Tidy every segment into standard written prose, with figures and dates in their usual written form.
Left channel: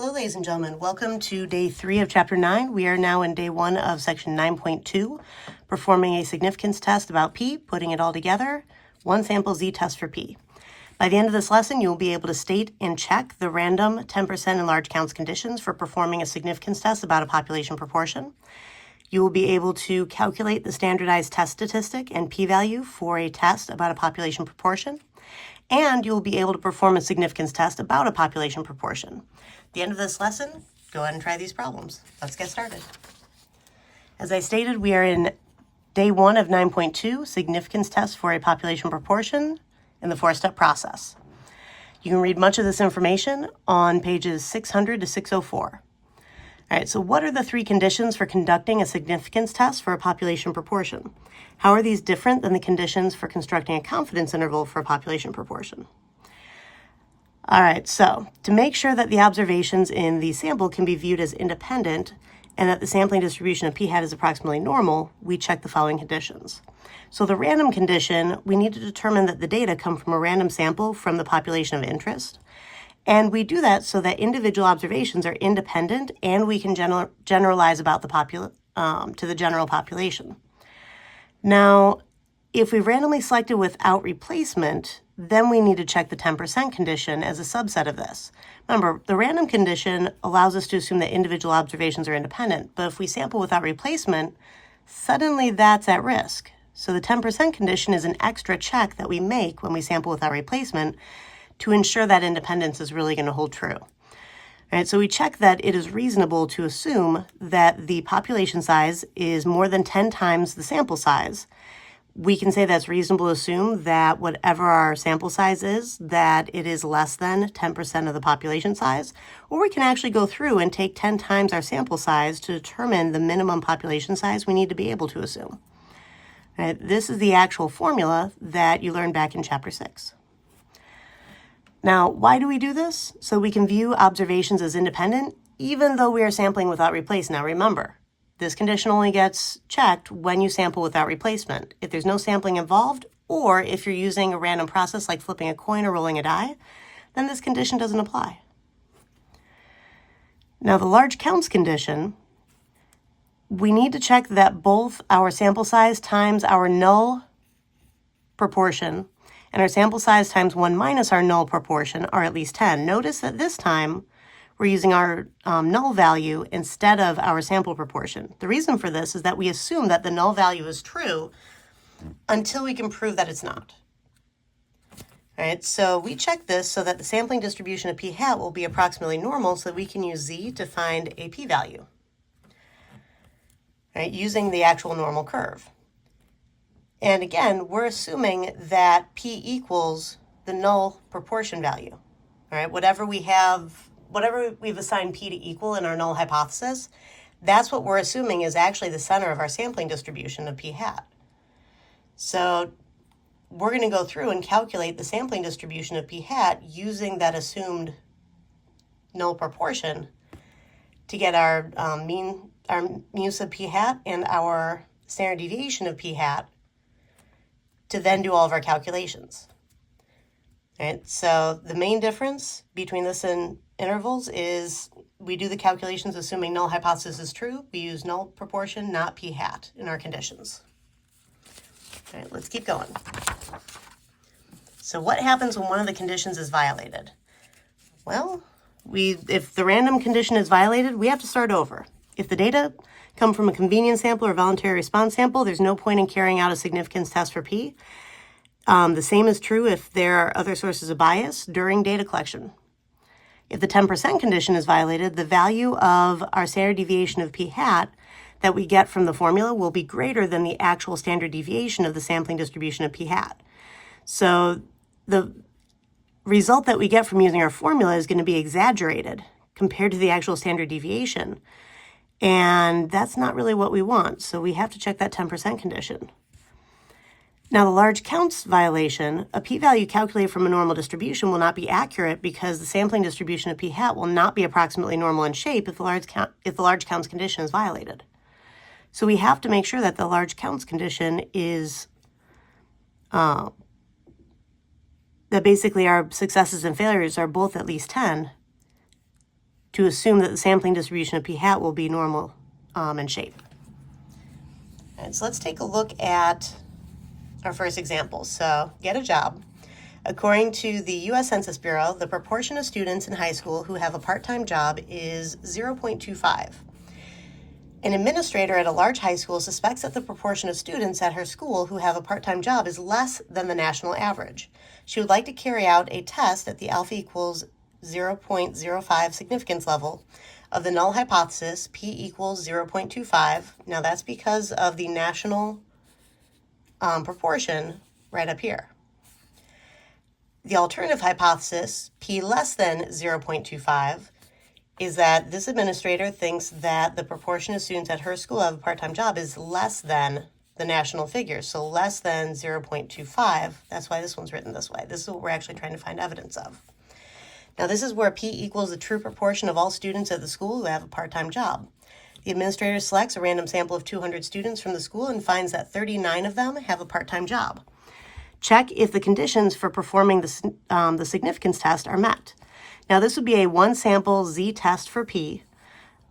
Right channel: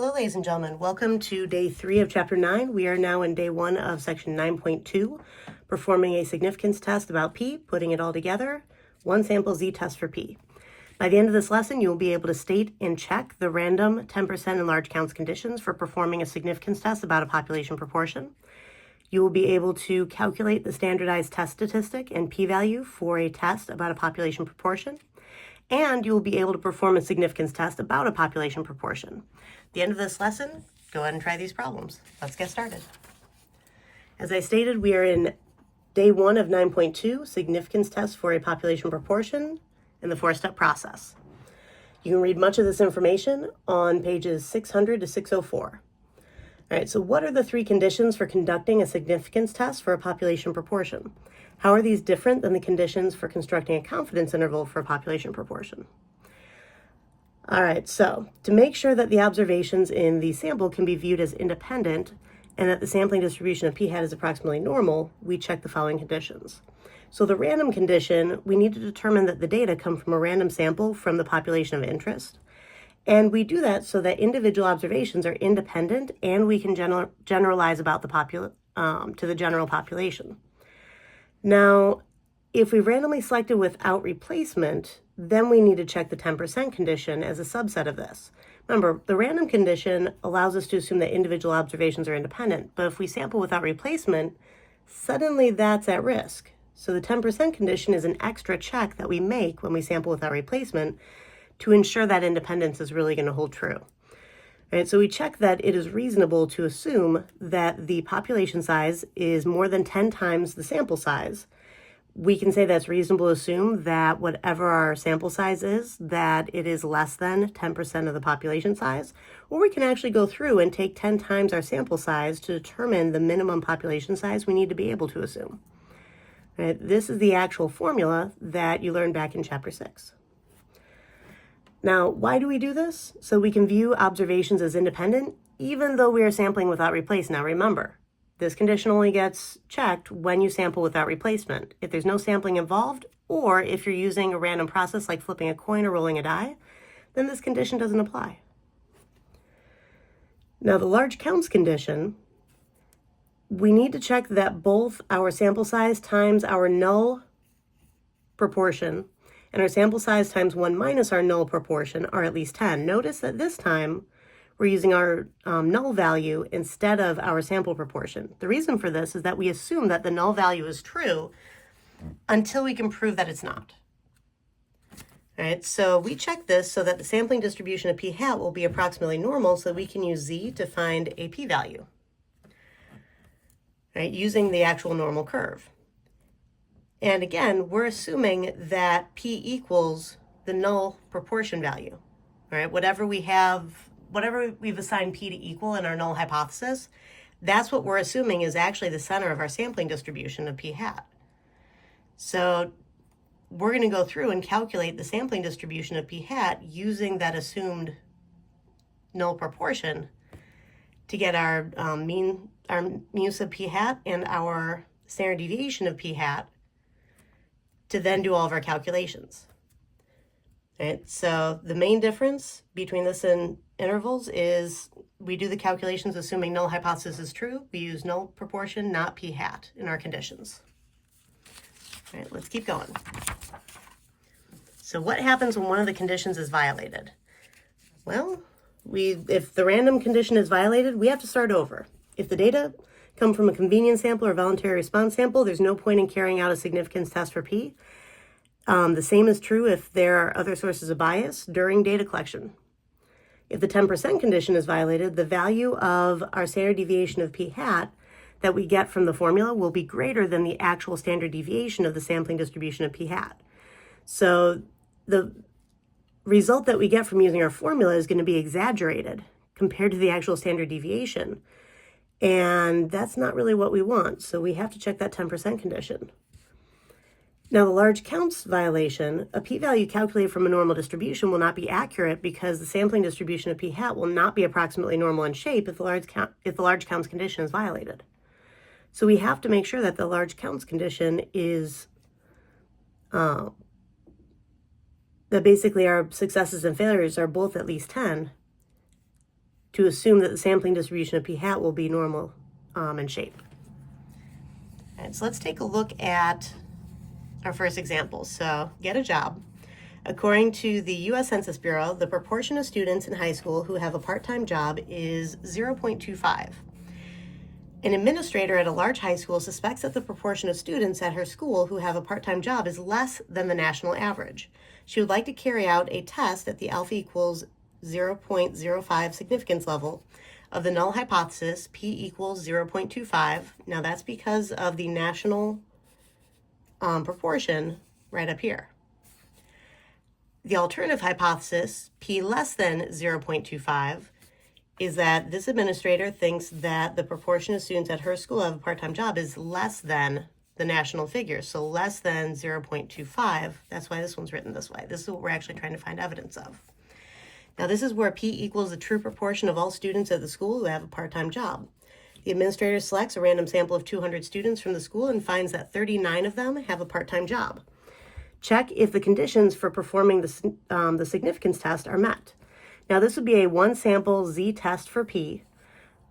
Hello, ladies and gentlemen. Welcome to day 3 of chapter 9. We are now in day 1 of section 9.2, performing a significance test about P, putting it all together, one sample z-test for P. By the end of this lesson, you will be able to state and check the random 10% and large counts conditions for performing a significance test about a population proportion. You will be able to calculate the standardized test statistic and p-value for a test about a population proportion, and you will be able to perform a significance test about a population proportion. At the end of this lesson, go ahead and try these problems. Let's get started. As I stated, we are in day 1 of 9.2, significance test for a population proportion in the 4-step process. You can read much of this information on pages 600 to 604. All right, so what are the 3 conditions for conducting a significance test for a population proportion? How are these different than the conditions for constructing a confidence interval for a population proportion? All right, so to make sure that the observations in the sample can be viewed as independent and that the sampling distribution of p-hat is approximately normal, we check the following conditions. So the random condition, we need to determine that the data come from a random sample from the population of interest. And we do that so that individual observations are independent and we can generalize about the to the general population. Now, if we randomly selected without replacement, then we need to check the 10% condition as a subset of this. Remember, the random condition allows us to assume that individual observations are independent, but if we sample without replacement, suddenly that's at risk. So the 10% condition is an extra check that we make when we sample without replacement to ensure that independence is really going to hold true. All right, so we check that it is reasonable to assume that the population size is more than 10 times the sample size. We can say that's reasonable to assume that whatever our sample size is, that it is less than 10% of the population size, or we can actually go through and take 10 times our sample size to determine the minimum population size we need to be able to assume. All right, this is the actual formula that you learned back in chapter 6. Now, why do we do this? So we can view observations as independent, even though we are sampling without replace. Now remember, this condition only gets checked when you sample without replacement. If there's no sampling involved, or if you're using a random process like flipping a coin or rolling a die, then this condition doesn't apply. Now, the large counts condition, we need to check that both our sample size times our null proportion and our sample size times 1 minus our null proportion are at least 10. Notice that this time we're using our null value instead of our sample proportion. The reason for this is that we assume that the null value is true until we can prove that it's not. All right, so we check this so that the sampling distribution of p-hat will be approximately normal so that we can use z to find a p-value, right, using the actual normal curve. And again, we're assuming that p equals the null proportion value, all right? Whatever we've assigned p to equal in our null hypothesis, that's what we're assuming is actually the center of our sampling distribution of p-hat. So we're going to go through and calculate the sampling distribution of p-hat using that assumed null proportion to get our mu sub p-hat and our standard deviation of p-hat to then do all of our calculations. Right, so the main difference between this and intervals is we do the calculations assuming null hypothesis is true. We use null proportion, not p-hat in our conditions. All right, let's keep going. So what happens when one of the conditions is violated? Well, if the random condition is violated, we have to start over. If the data come from a convenience sample or voluntary response sample, there's no point in carrying out a significance test for P. The same is true if there are other sources of bias during data collection. If the 10% condition is violated, the value of our standard deviation of p-hat that we get from the formula will be greater than the actual standard deviation of the sampling distribution of p-hat. So the result that we get from using our formula is going to be exaggerated compared to the actual standard deviation. And that's not really what we want. So we have to check that 10% condition. Now, the large counts violation, a p-value calculated from a normal distribution will not be accurate because the sampling distribution of p-hat will not be approximately normal in shape if the large counts condition is violated. So we have to make sure that the large counts condition is that basically our successes and failures are both at least 10 to assume that the sampling distribution of p hat will be normal in shape. All right, so let's take a look at our first example. So get a job. According to the U.S. Census Bureau, the proportion of students in high school who have a part-time job is 0.25. An administrator at a large high school suspects that the proportion of students at her school who have a part-time job is less than the national average. She would like to carry out a test at the alpha equals 0.05 significance level of the null hypothesis, p equals 0.25. Now that's because of the national proportion right up here. The alternative hypothesis, p less than 0.25, is that this administrator thinks that the proportion of students at her school who have a part-time job is less than the national figure, so less than 0.25. That's why this one's written this way. This is what we're actually trying to find evidence of. Now this is where p equals the true proportion of all students at the school who have a part-time job. The administrator selects a random sample of 200 students from the school and finds that 39 of them have a part-time job. Check if the conditions for performing the significance test are met. Now this would be a one sample z-test for p.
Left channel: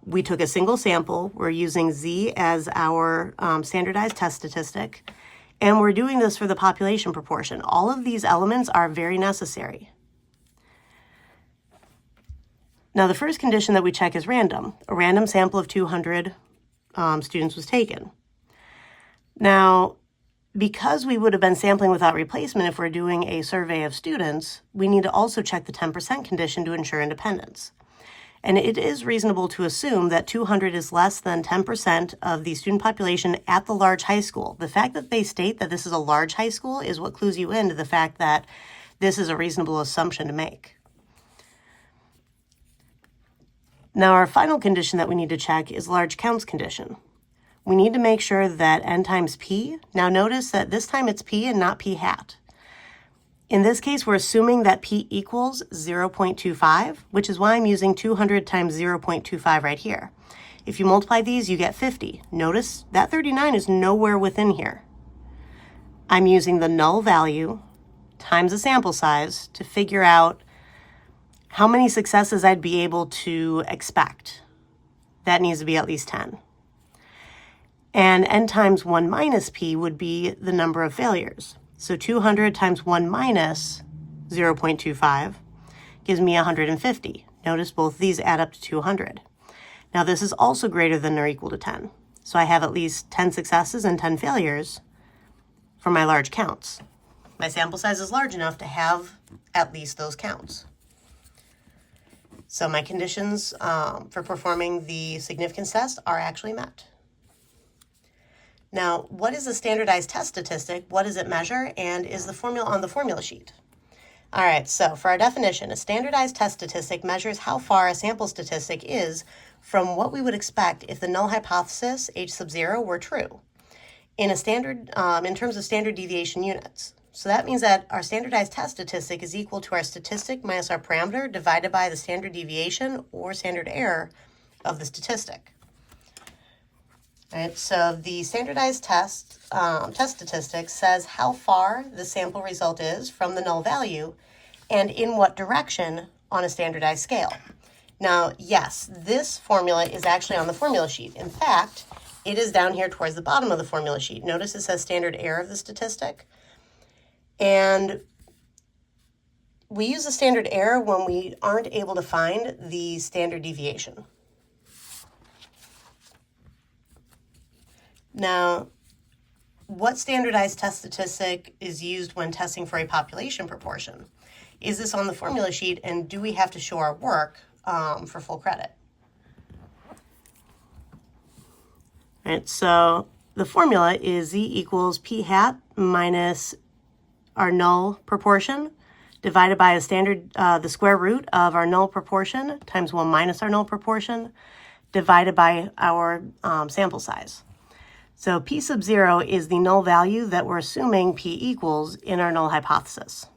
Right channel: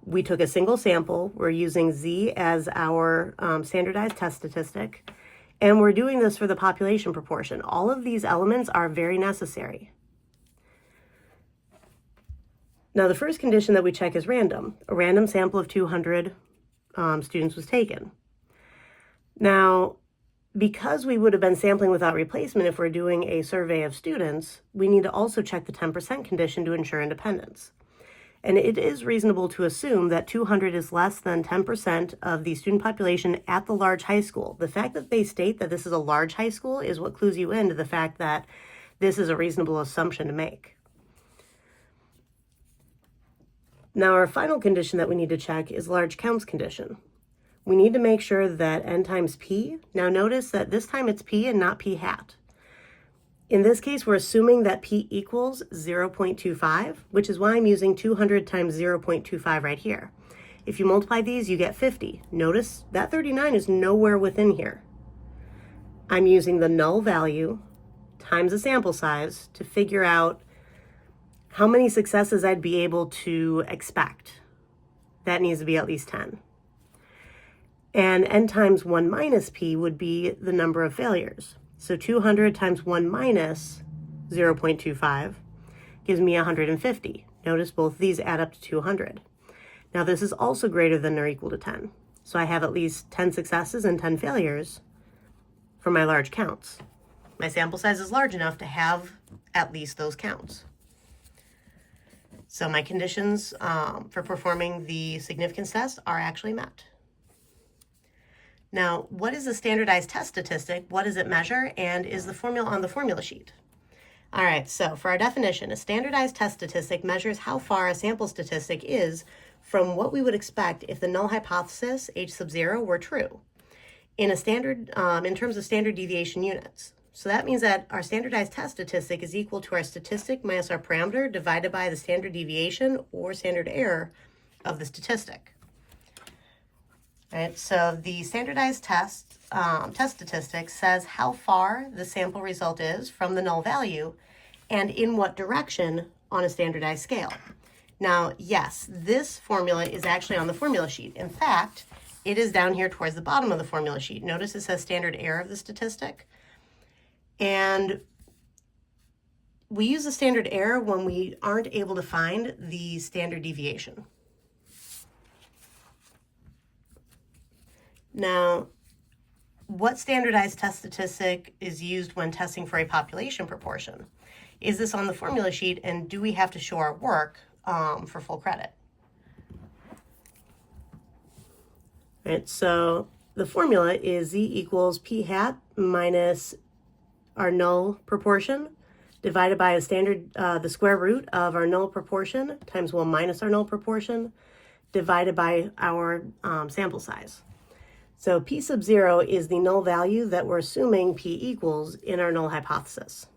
We took a single sample. We're using z as our standardized test statistic, and we're doing this for the population proportion. All of these elements are very necessary. Now the first condition that we check is random. A random sample of 200 students was taken. Now, because we would have been sampling without replacement if we're doing a survey of students, we need to also check the 10% condition to ensure independence. And it is reasonable to assume that 200 is less than 10% of the student population at the large high school. The fact that they state that this is a large high school is what clues you into the fact that this is a reasonable assumption to make. Now our final condition that we need to check is large counts condition. We need to make sure that n times p, now notice that this time it's p and not p hat. In this case, we're assuming that p equals 0.25, which is why I'm using 200 times 0.25 right here. If you multiply these, you get 50. Notice that 39 is nowhere within here. I'm using the null value times the sample size to figure out how many successes I'd be able to expect. That needs to be at least 10. And n times 1 minus p would be the number of failures. So 200 times 1 minus 0.25 gives me 150. Notice both these add up to 200. Now this is also greater than or equal to 10. So I have at least 10 successes and 10 failures for my large counts. My sample size is large enough to have at least those counts. So my conditions for performing the significance test are actually met. Now, what is a standardized test statistic? What does it measure? And is the formula on the formula sheet? All right, so for our definition, a standardized test statistic measures how far a sample statistic is from what we would expect if the null hypothesis, h sub 0, were true in terms of standard deviation units. So that means that our standardized test statistic is equal to our statistic minus our parameter divided by the standard deviation or standard error of the statistic. All right, so the standardized test statistic says how far the sample result is from the null value and in what direction on a standardized scale. Now, yes, this formula is actually on the formula sheet. In fact, it is down here towards the bottom of the formula sheet. Notice it says standard error of the statistic. And we use the standard error when we aren't able to find the standard deviation. Now, what standardized test statistic is used when testing for a population proportion? Is this on the formula sheet, and do we have to show our work for full credit? All right, so the formula is z equals p hat minus our null proportion divided by the square root of our null proportion times 1 minus our null proportion divided by our sample size. So p sub 0 is the null value that we're assuming p equals in our null hypothesis.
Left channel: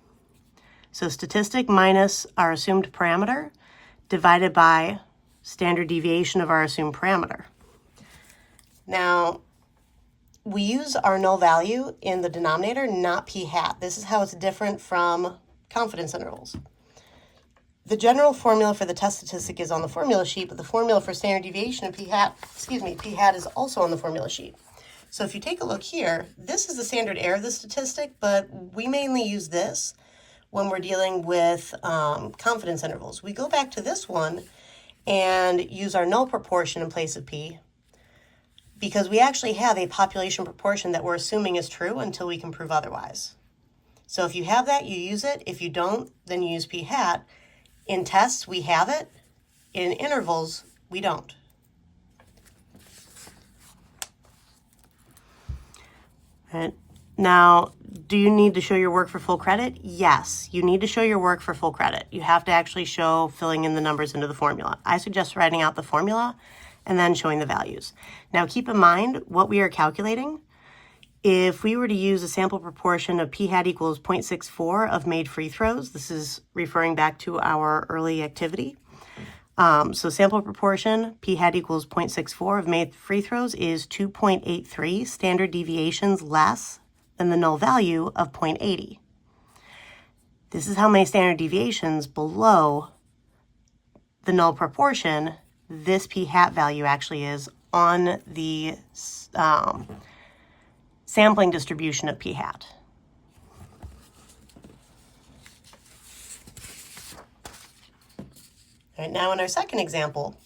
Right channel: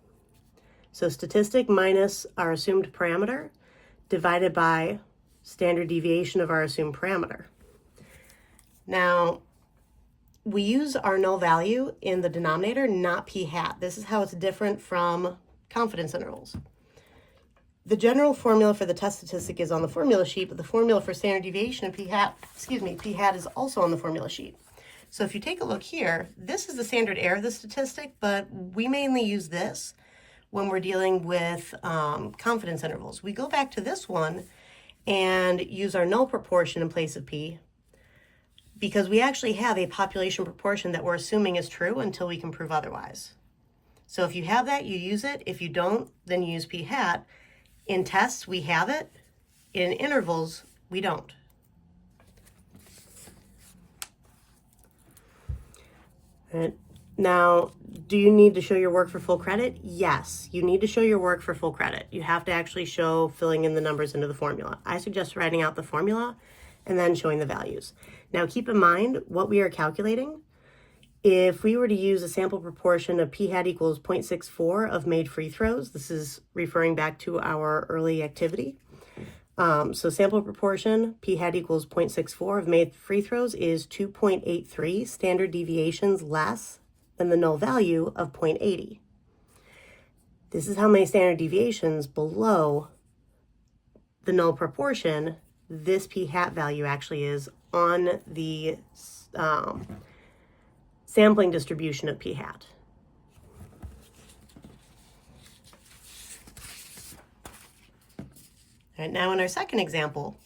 So statistic minus our assumed parameter divided by standard deviation of our assumed parameter. Now, we use our null value in the denominator, not p hat. This is how it's different from confidence intervals. The general formula for the test statistic is on the formula sheet, but the formula for standard deviation of p-hat is also on the formula sheet. So if you take a look here, this is the standard error of the statistic, but we mainly use this when we're dealing with confidence intervals. We go back to this one and use our null proportion in place of p, because we actually have a population proportion that we're assuming is true until we can prove otherwise. So if you have that, you use it. If you don't, then you use p-hat. In tests, we have it. In intervals, we don't. Right. Now, do you need to show your work for full credit? Yes, you need to show your work for full credit. You have to actually show filling in the numbers into the formula. I suggest writing out the formula and then showing the values. Now, keep in mind what we are calculating. If we were to use a sample proportion of p-hat equals 0.64 of made free throws, this is referring back to our early activity. So sample proportion, p-hat equals 0.64 of made free throws is 2.83 standard deviations less than the null value of 0.80. This is how many standard deviations below the null proportion this p-hat value actually is on the sampling distribution of p-hat. And now in our second example,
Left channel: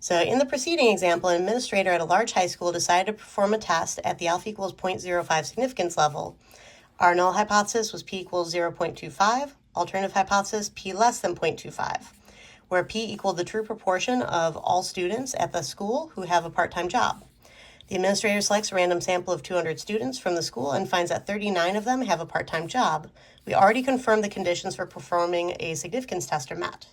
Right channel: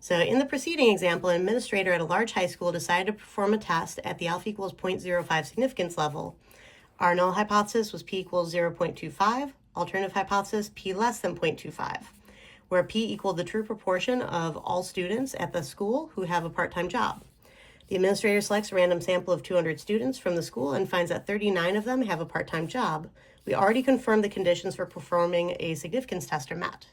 so in the preceding example, an administrator at a large high school decided to perform a test at the alpha equals 0.05 significance level. Our null hypothesis was p equals 0.25, alternative hypothesis p less than 0.25, where p equaled the true proportion of all students at the school who have a part-time job. The administrator selects a random sample of 200 students from the school and finds that 39 of them have a part-time job. We already confirmed the conditions for performing a significance test are met.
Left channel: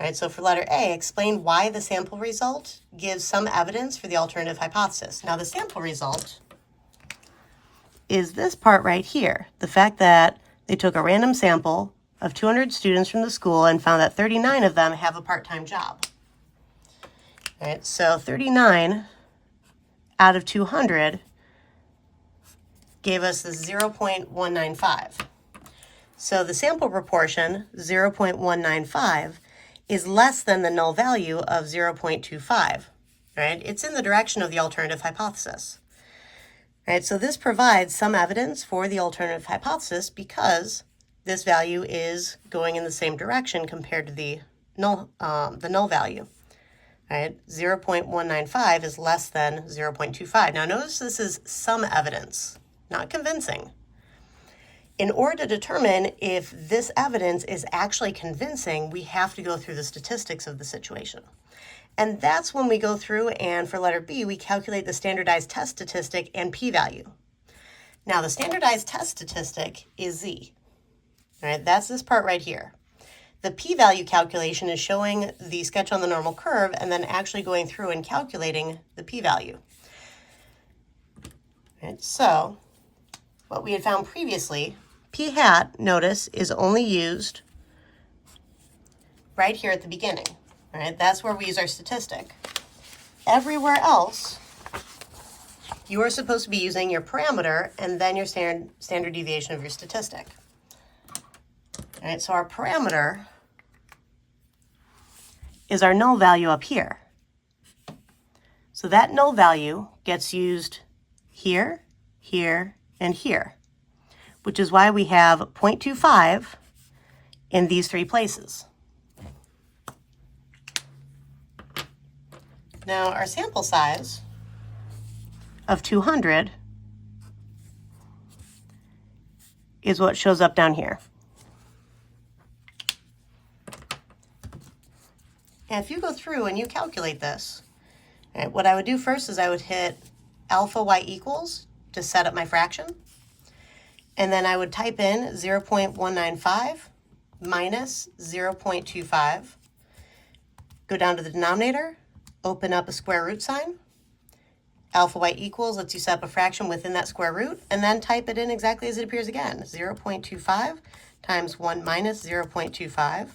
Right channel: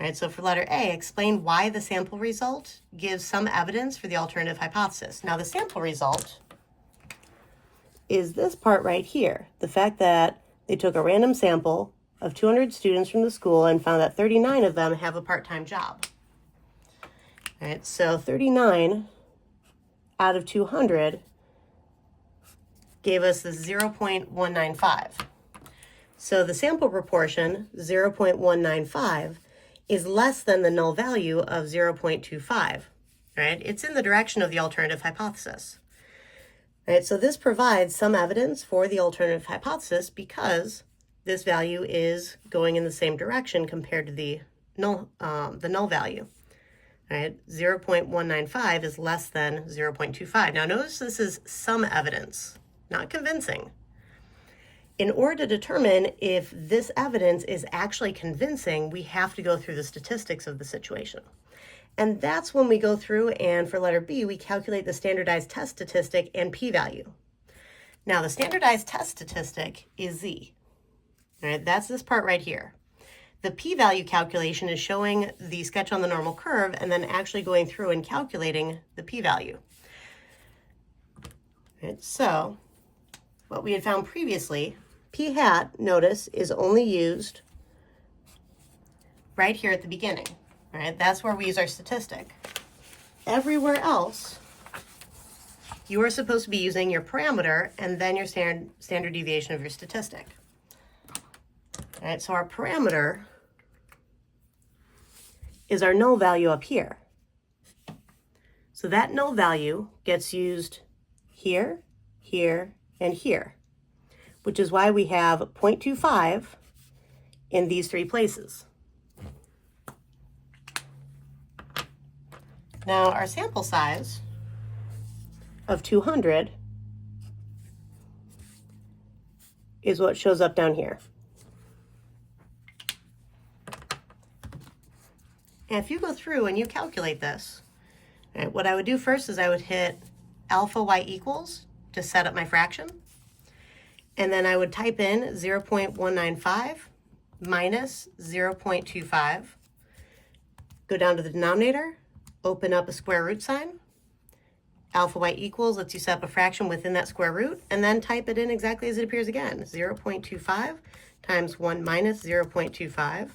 All right, so for letter A, explain why the sample result gives some evidence for the alternative hypothesis. Now, the sample result is this part right here, the fact that they took a random sample of 200 students from the school and found that 39 of them have a part-time job. All right, so 39 out of 200 gave us the 0.195. So the sample proportion, 0.195, is less than the null value of 0.25, right? It's in the direction of the alternative hypothesis. Right, so this provides some evidence for the alternative hypothesis because this value is going in the same direction compared to the null value. Right? 0.195 is less than 0.25. Now notice this is some evidence, not convincing. In order to determine if this evidence is actually convincing, we have to go through the statistics of the situation. And that's when we go through and for letter B, we calculate the standardized test statistic and p-value. Now the standardized test statistic is Z. Right? That's this part right here. The p-value calculation is showing the sketch on the normal curve and then actually going through and calculating the p-value. Right, so what we had found previously, p-hat, notice, is only used right here at the beginning. Right? That's where we use our statistic. Everywhere else, you are supposed to be using your parameter and then your standard deviation of your statistic. All right, so our parameter is our null value up here. So that null value gets used here, here, and here, which is why we have 0.25 in these three places. Now our sample size of 200 is what shows up down here. And if you go through and you calculate this, right, what I would do first is I would hit alpha y equals to set up my fraction. And then I would type in 0.195 minus 0.25, go down to the denominator, open up a square root sign. Alpha y equals lets you set up a fraction within that square root, and then type it in exactly as it appears again. 0.25 times 1 minus 0.25.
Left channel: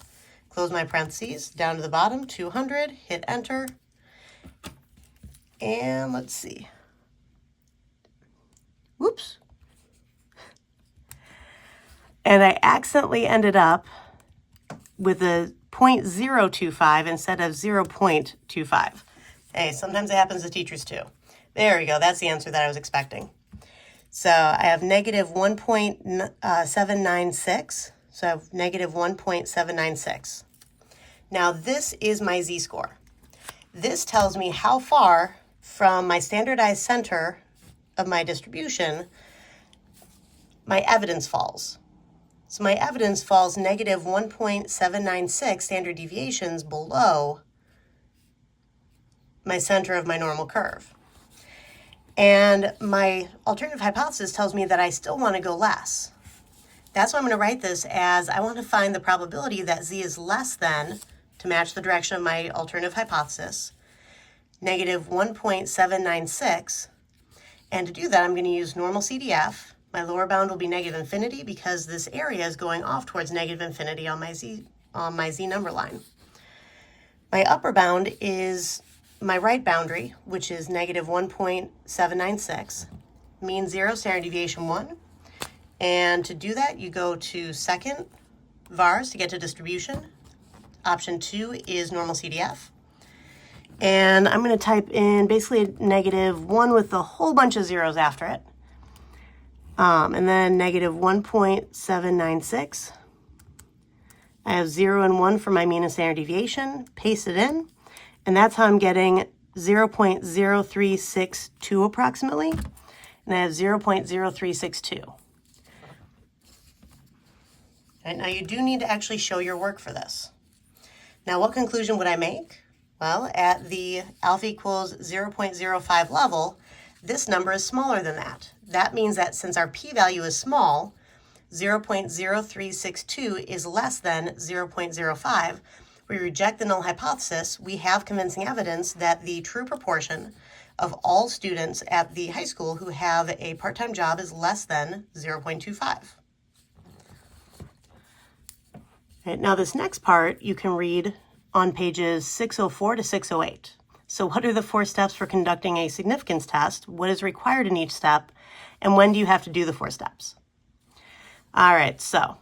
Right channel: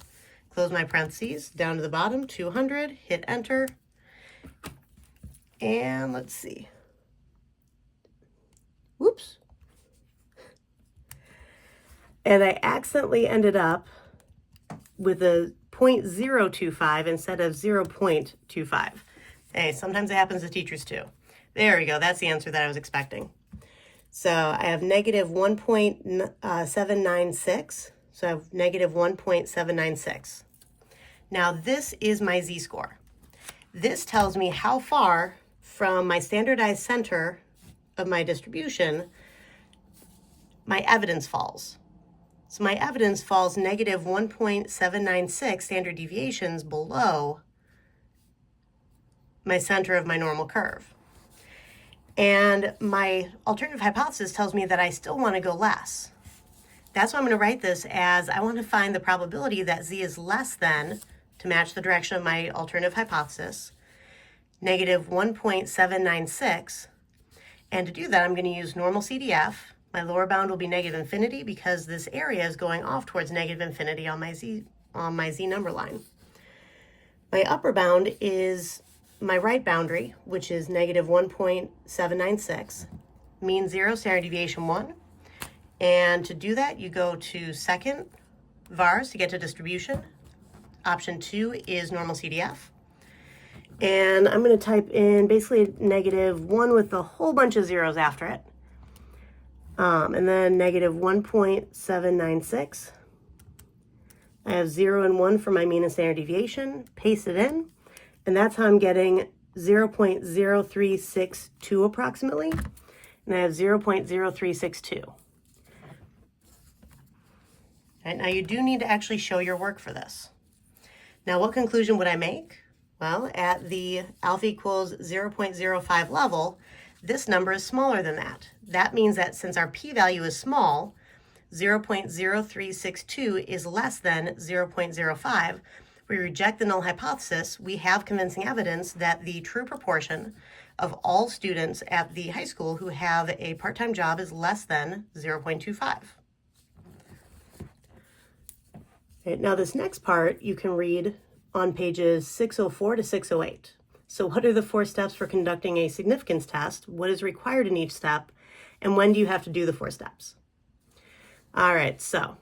Close my parentheses, down to the bottom, 200, hit enter. And let's see. Whoops. And I accidentally ended up with a 0.025 instead of 0.25. Hey, sometimes it happens to teachers too. There we go. That's the answer that I was expecting. So I have negative 1.796. So I have negative 1.796. Now this is my z-score. This tells me how far from my standardized center of my distribution my evidence falls. So my evidence falls negative 1.796 standard deviations below my center of my normal curve. And my alternative hypothesis tells me that I still want to go less. That's why I'm going to write this as I want to find the probability that z is less than, to match the direction of my alternative hypothesis, negative 1.796. And to do that, I'm going to use normal CDF. My lower bound will be negative infinity because this area is going off towards negative infinity on my z number line. My upper bound is my right boundary, which is negative 1.796, mean 0, standard deviation 1. And to do that, you go to second vars to get to distribution. Option 2 is normal CDF. And I'm going to type in basically negative 1 with a whole bunch of zeros after it. And then negative 1.796. I have 0 and 1 for my mean and standard deviation. Paste it in. And that's how I'm getting 0.0362 approximately. And I have 0.0362. Right, now you do need to actually show your work for this. Now what conclusion would I make? Well, at the alpha equals 0.05 level, this number is smaller than that. That means that since our p-value is small, 0.0362 is less than 0.05. We reject the null hypothesis. We have convincing evidence that the true proportion of all students at the high school who have a part-time job is less than 0.25. Right, now this next part you can read on pages 604 to 608. So what are the 4 steps for conducting a significance test? What is required in each step? And when do you have to do the 4 steps? All right, so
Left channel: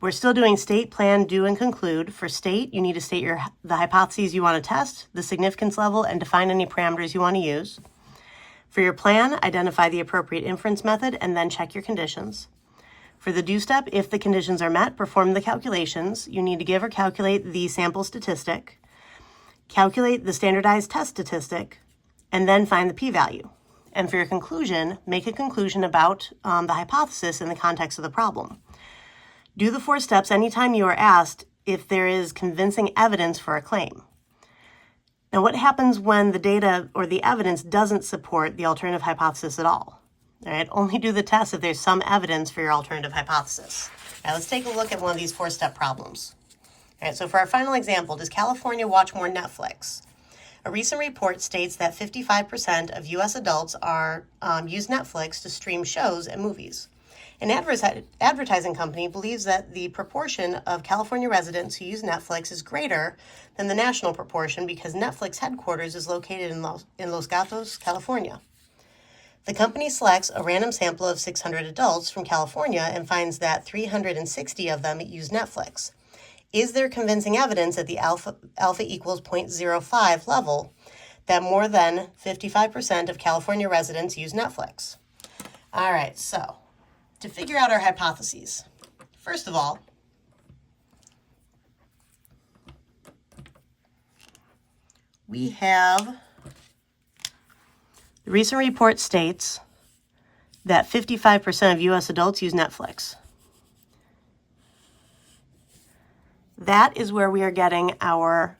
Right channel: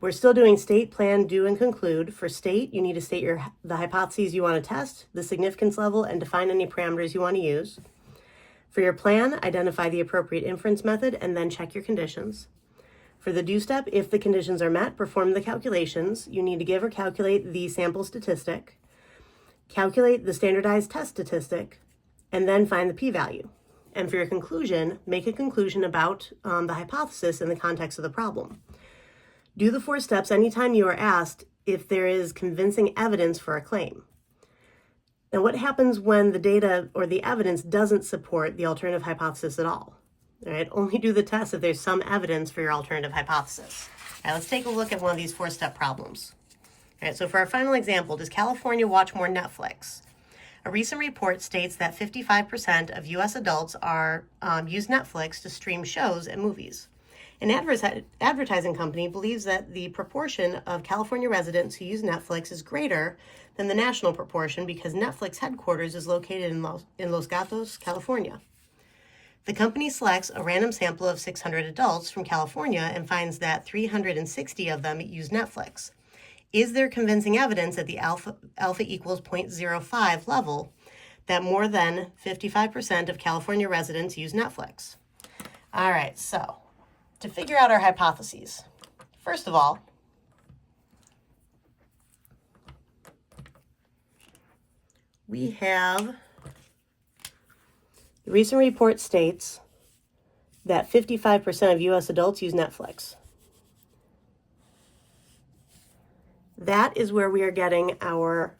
we're still doing state, plan, do, and conclude. For state, you need to state the hypotheses you want to test, the significance level, and define any parameters you want to use. For your plan, identify the appropriate inference method and then check your conditions. For the do step, if the conditions are met, perform the calculations. You need to give or calculate the sample statistic, calculate the standardized test statistic, and then find the p-value. And for your conclusion, make a conclusion about the hypothesis in the context of the problem. Do the 4 steps anytime you are asked if there is convincing evidence for a claim. Now, what happens when the data or the evidence doesn't support the alternative hypothesis at all? All right, only do the test if there's some evidence for your alternative hypothesis. All right, let's take a look at one of these 4-step problems. All right, so for our final example, does California watch more Netflix? A recent report states that 55% of U.S. adults use Netflix to stream shows and movies. An advertising company believes that the proportion of California residents who use Netflix is greater than the national proportion because Netflix headquarters is located in Los Gatos, California. The company selects a random sample of 600 adults from California and finds that 360 of them use Netflix. Is there convincing evidence at the alpha equals 0.05 level that more than 55% of California residents use Netflix? All right, so to figure out our hypotheses, first of all, we have the recent report states that 55% of U.S. adults use Netflix. That is where we are getting our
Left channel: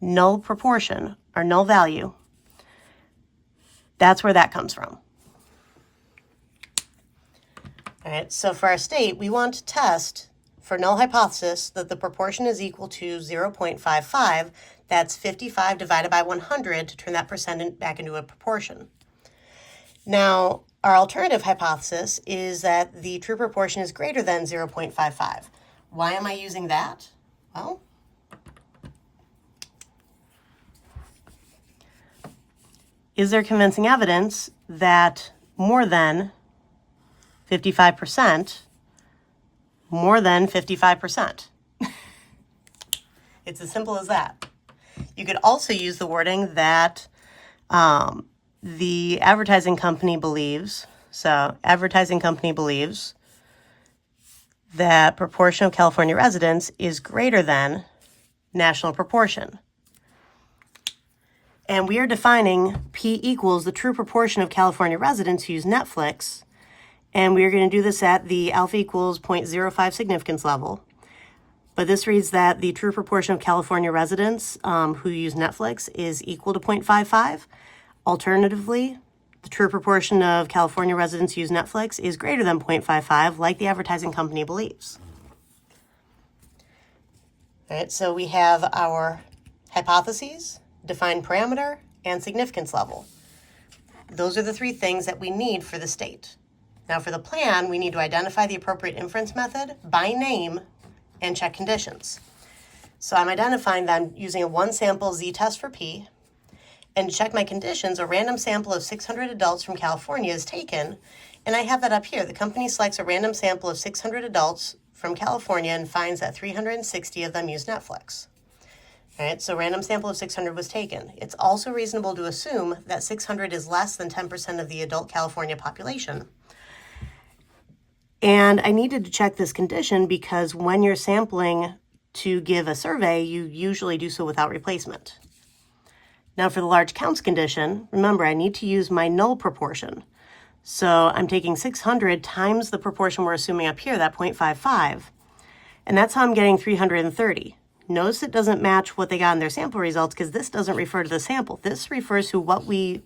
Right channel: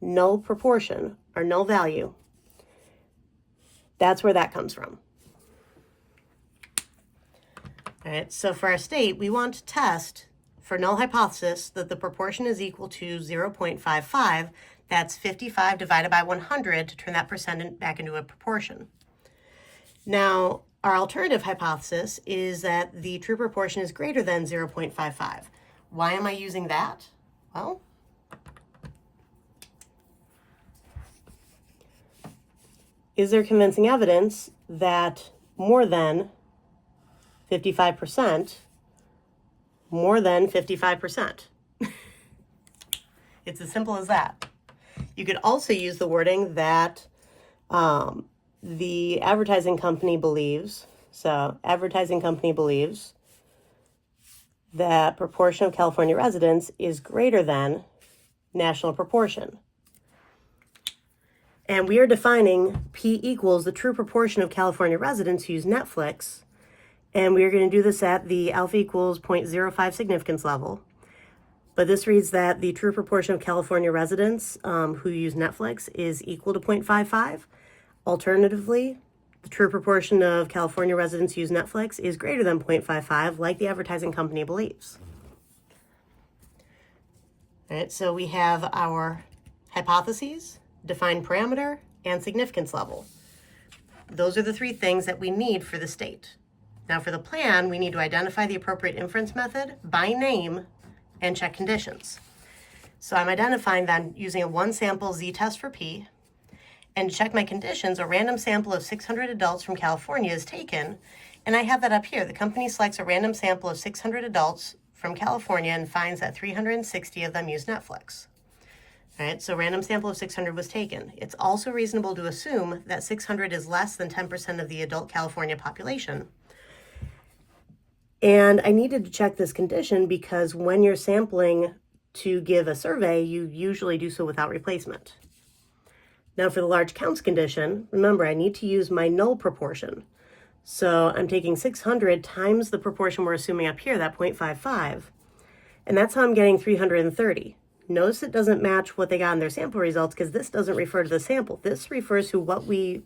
null proportion, our null value. That's where that comes from. All right, so for our state, we want to test for null hypothesis that the proportion is equal to 0.55. That's 55 divided by 100 to turn that percent back into a proportion. Now, our alternative hypothesis is that the true proportion is greater than 0.55. Why am I using that? Well, is there convincing evidence that more than 55%, more than 55%? It's as simple as that. You could also use the wording that the advertising company believes. So advertising company believes that proportion of California residents is greater than national proportion. And we are defining P equals the true proportion of California residents who use Netflix. And we are going to do this at the alpha equals 0.05 significance level. But this reads that the true proportion of California residents who use Netflix is equal to 0.55. Alternatively, the true proportion of California residents who use Netflix is greater than 0.55, like the advertising company believes. All right, so we have our hypotheses, defined parameter, and significance level. Those are the three things that we need for the state. Now for the plan, we need to identify the appropriate inference method by name and check conditions. So I'm identifying that I'm using a one sample z-test for P, and to check my conditions, a random sample of 600 adults from California is taken, and I have that up here. The company selects a random sample of 600 adults from California and finds that 360 of them use Netflix. All right, so random sample of 600 was taken. It's also reasonable to assume that 600 is less than 10% of the adult California population. And I needed to check this condition because when you're sampling to give a survey, you usually do so without replacement. Now for the large counts condition, remember I need to use my null proportion. So I'm taking 600 times the proportion we're assuming up here, that 0.55, and that's how I'm getting 330. Notice it doesn't match what they got in their sample results because this doesn't refer to the sample. This refers to what we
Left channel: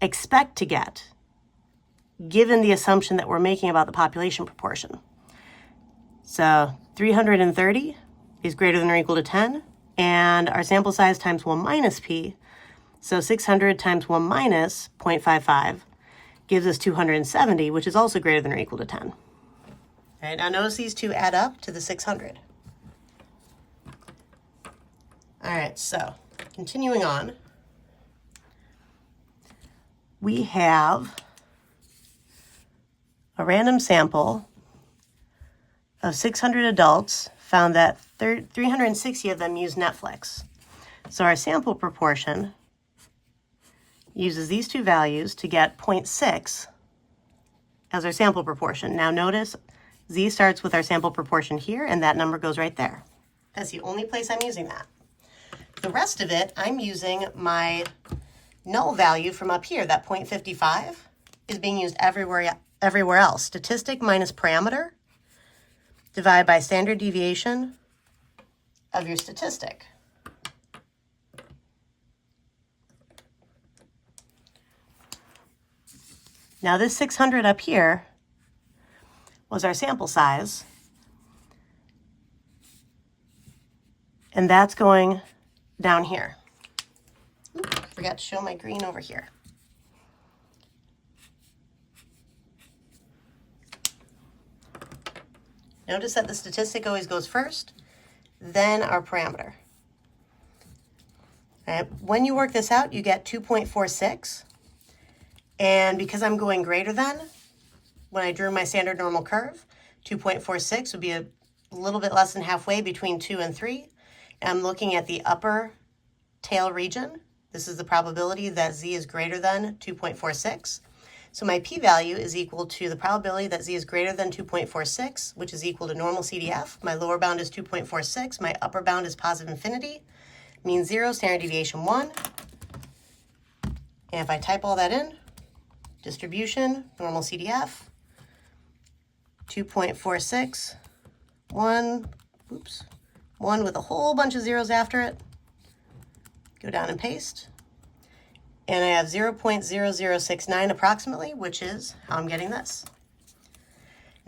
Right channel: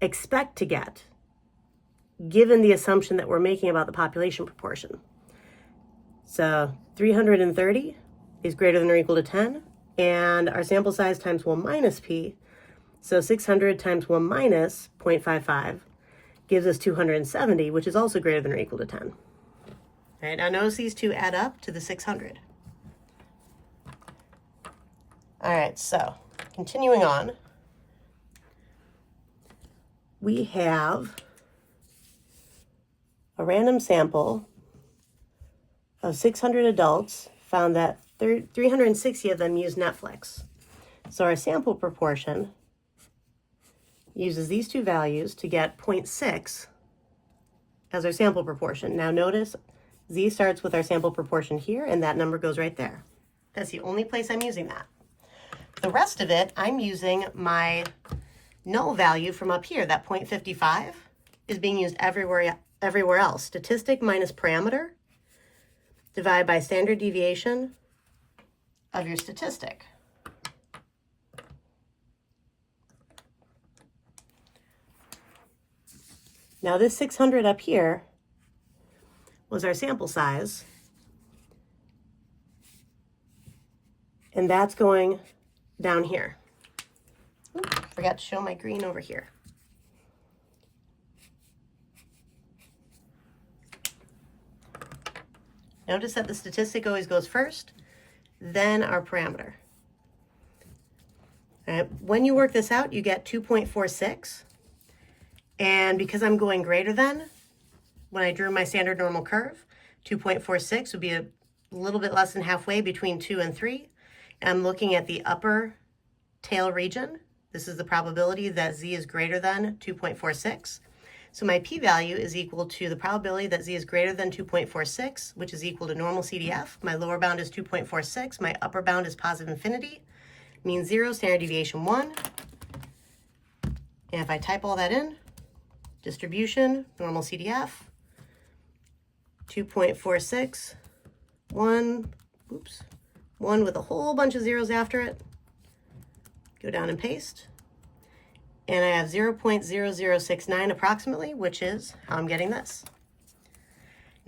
expect to get, given the assumption that we're making about the population proportion. So 330 is greater than or equal to 10, and our sample size times 1 minus P, so 600 times 1 minus 0.55 gives us 270, which is also greater than or equal to 10. All right, now notice these two add up to the 600. All right, so continuing on, we have a random sample of 600 adults found that 360 of them use Netflix. So our sample proportion uses these two values to get 0.6 as our sample proportion. Now notice Z starts with our sample proportion here, and that number goes right there. That's the only place I'm using that. The rest of it, I'm using my null value from up here, that 0.55 is being used everywhere else. Statistic minus parameter divided by standard deviation of your statistic. Now this 600 up here was our sample size, and that's going down here. Oops, forgot to show my green over here. Notice that the statistic always goes first, then our parameter. When you work this out, you get 2.46. And because I'm going greater than, when I drew my standard normal curve, 2.46 would be a little bit less than halfway between 2 and 3. And I'm looking at the upper tail region. This is the probability that Z is greater than 2.46. So my p-value is equal to the probability that Z is greater than 2.46, which is equal to normal CDF. My lower bound is 2.46. My upper bound is positive infinity. Mean 0, standard deviation 1. And if I type all that in, distribution, normal CDF, 2.46, 1 with a whole bunch of zeros after it. Go down and paste. And I have 0.0069 approximately, which is how I'm getting this.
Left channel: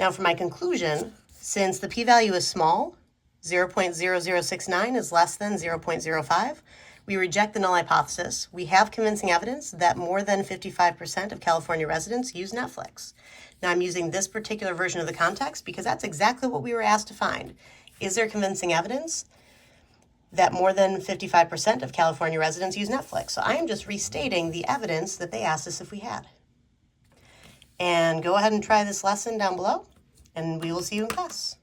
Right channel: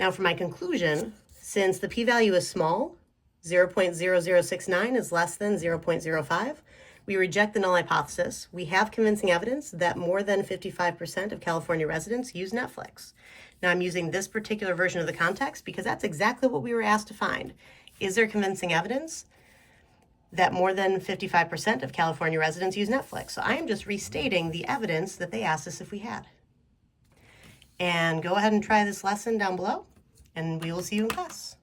Now for my conclusion, since the p-value is small, 0.0069 is less than 0.05, we reject the null hypothesis. We have convincing evidence that more than 55% of California residents use Netflix. Now I'm using this particular version of the context because that's exactly what we were asked to find. Is there convincing evidence that more than 55% of California residents use Netflix? So I am just restating the evidence that they asked us if we had. And go ahead and try this lesson down below, and we will see you in class.